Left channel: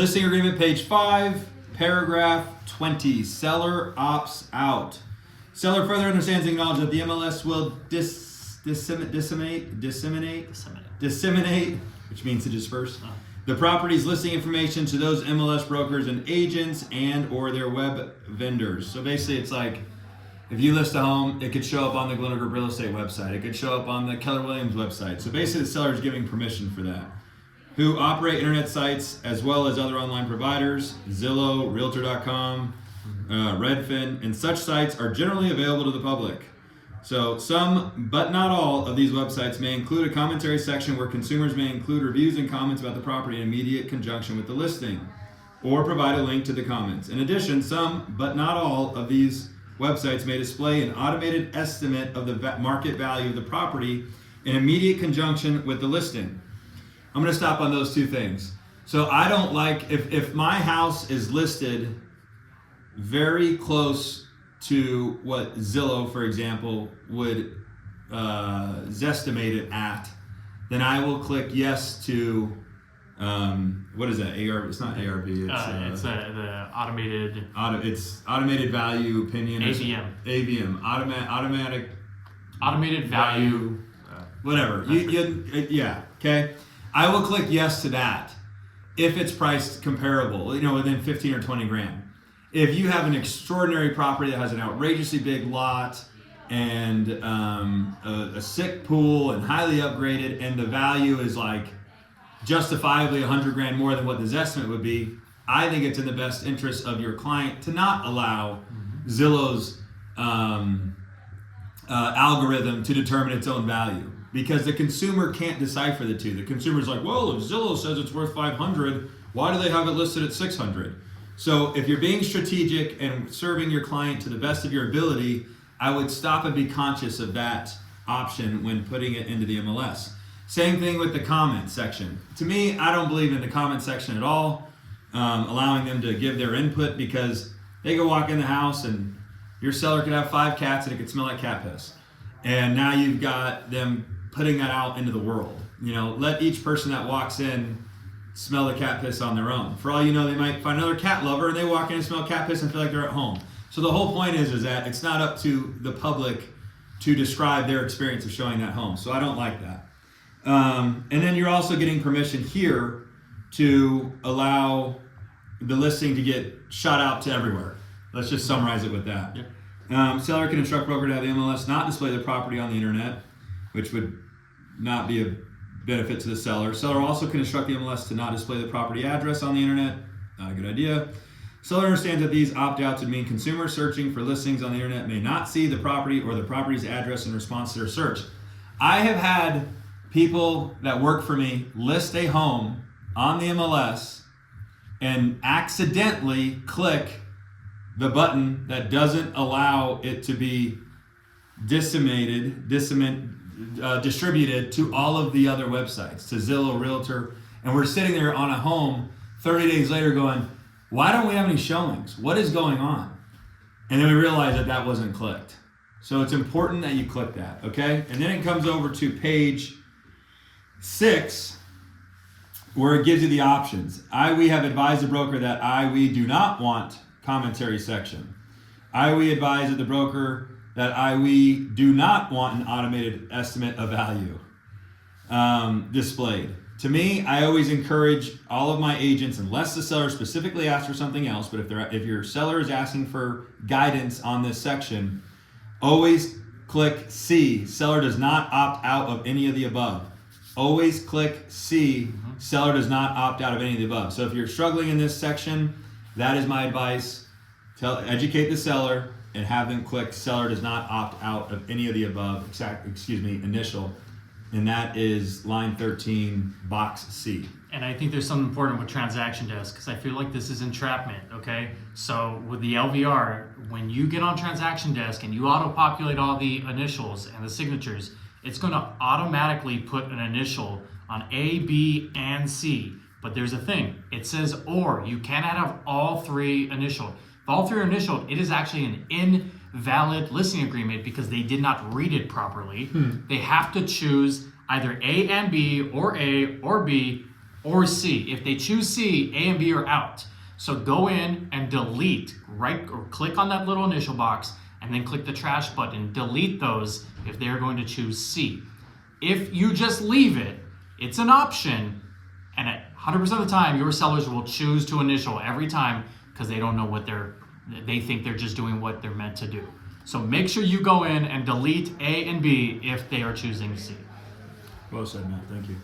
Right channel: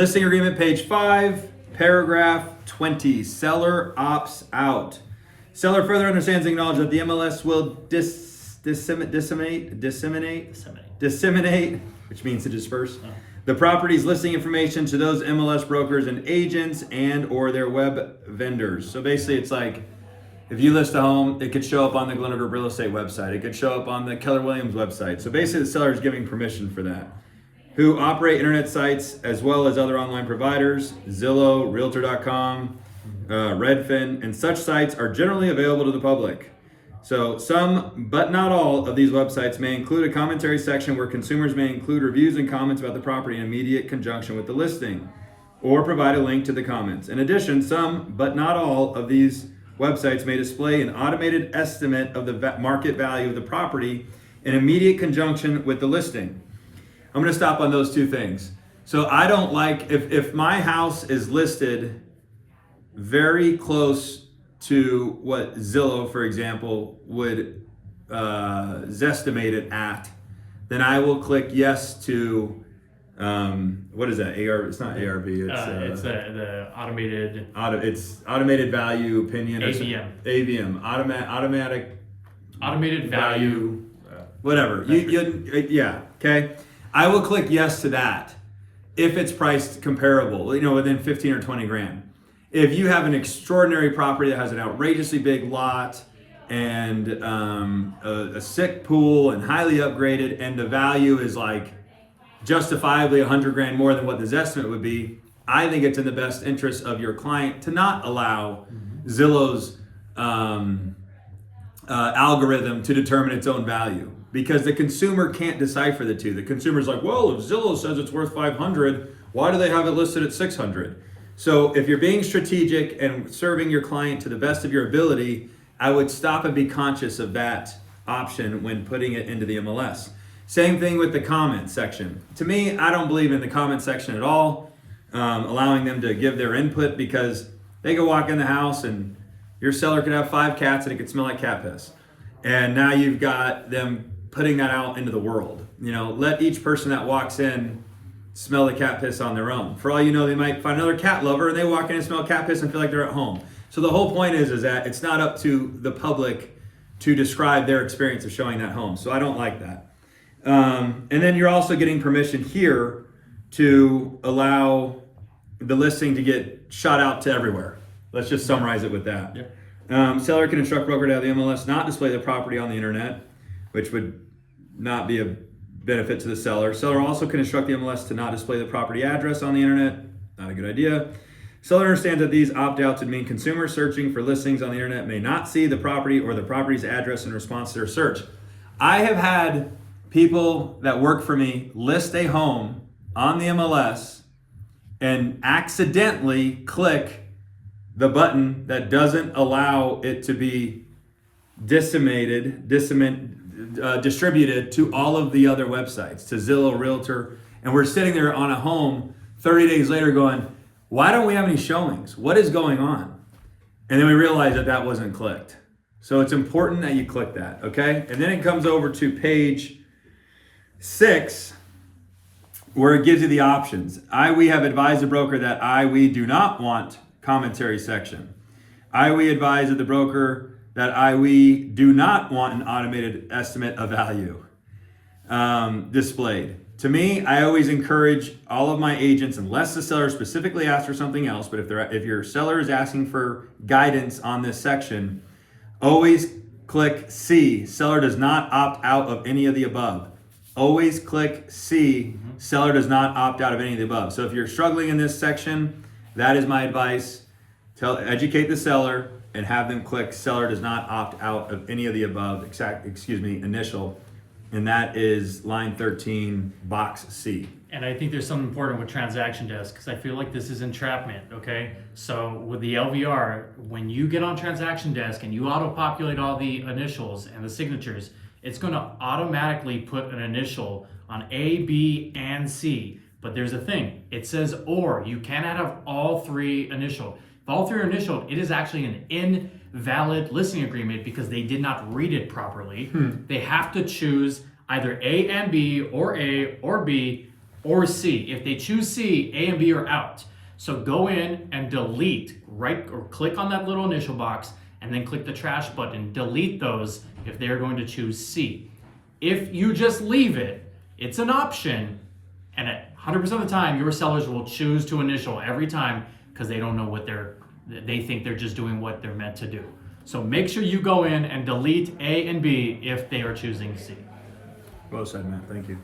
Listing agreement, page 5, paragraph 20. Seller opts out. Seller further understands and acknowledges that the MLS will disseminate, which means to disperse, the property's listing information to those MLS brokers and agents and or their web vendors. So basically it's like, if you list a home, it could show up on the Glenn Group Real Estate website. It could show up on the Keller Williams website. So basically the seller is giving permission for that. Who operate internet sites as well as other online providers, Zillow, Realtor.com, Redfin, and such sites are generally available to the public. So some, but not all, of these websites may include a commentary section where consumers may include reviews and comments about the property in immediate conjunction with the listing, or provide a link to the comments. In addition, some, but not all, of these websites may display an automated estimate of the market value of the property in immediate conjunction with the listing. I'm going to stop on those two things. So I don't like, if my house is listed very close to what Zillow, for example, would zestimate it at, then I will click yes to, what is that, ARV? It's not ARV, it's the automated... It's automated value opinion. AVM. AVM, automated value. Whatever, yeah, okay. I will click yes to that if it's priced comparable, within 15 or 20 grand. If you have an extraordinary property that has an outrageously big lot and a sick pool and highly upgraded, and the value is like justifiably 100 grand more than what this estimate would be, I think it's in the best interest of your client to not allow Zillow's algorithm to determine its own value, because the consumer can't decipher the two. The consumer's like, well, if Zillow says it's worth 500, why do they have it listed at 600? So if you're being strategic and serving your client to the best of your ability, I would stop and be conscious of that option when putting it into the MLS. Same thing with the comment section. To me, I don't believe in the comment section at all, allowing them to give their input, because they could walk in the house and your seller could have 5 cats and it could smell like cat piss. And now you've got them putting that out into the world. Let each person that walks in smell the cat piss on their own. For all you know, they might find another cat lover and they walk in and smell cat piss and feel like they're at home. So the whole point is that it's not up to the public to describe their experience of showing that home. So I don't like that. And then you're also getting permission here to allow the listing to get shot out to everywhere. Let's just summarize it with that. Yeah. Seller can instruct broker to have the MLS not display the property on the internet, which would not be a benefit to the seller. Seller also can instruct the MLS to not display the property address on the internet. Not a good idea. Seller understands that these opt-outs would mean consumers searching for listings on the internet may not see the property or the property's address in response to their search. I have had people that work for me list a home on the MLS and accidentally click the button that doesn't allow it to be distributed to all of the other websites, to Zillow, Realtor, and we're sitting there on a home 30 days later going, why don't we have any showings? What is going on? And then we realize that wasn't clicked. So it's important that you click that, okay? And then it comes over to page 6, where it gives you the options. We have advised the broker that we do not want commentary section. We advise the broker that we do not want an automated estimate of value displayed. To me, I always encourage all of my agents, unless the seller specifically asks for something else, but if your seller is asking for guidance on this section, always click C. Seller does not opt out of any of the above. Always click C. Seller does not opt out of any of the above. So if you're struggling in this section, that is my advice. Educate the seller and have them click seller does not opt out of any of the above, initial. And that is line 13, box C. And I think there's something important with transaction desk, because I feel like this is entrapment, okay? So with the LVR, when you get on transaction desk and you auto-populate all the initials and the signatures, it's gonna automatically put an initial on A, B, and C. But there's a thing, it says or. You cannot have all 3 initial. If all 3 are initial, it is actually an invalid listing agreement because they did not read it properly. They have to choose either A and B or A or B or C. If they choose C, A and B are out. So go in and delete, right, or click on that little initial box and then click the trash button. Delete those if they're going to choose C. If you just leave it, it's an option, and at 100% of the time, your sellers will choose to initial every time because they don't know what they think they're just doing what they're meant to do. So make sure you go in and delete A and B if they are choosing C. Well said, Matt. Thank you.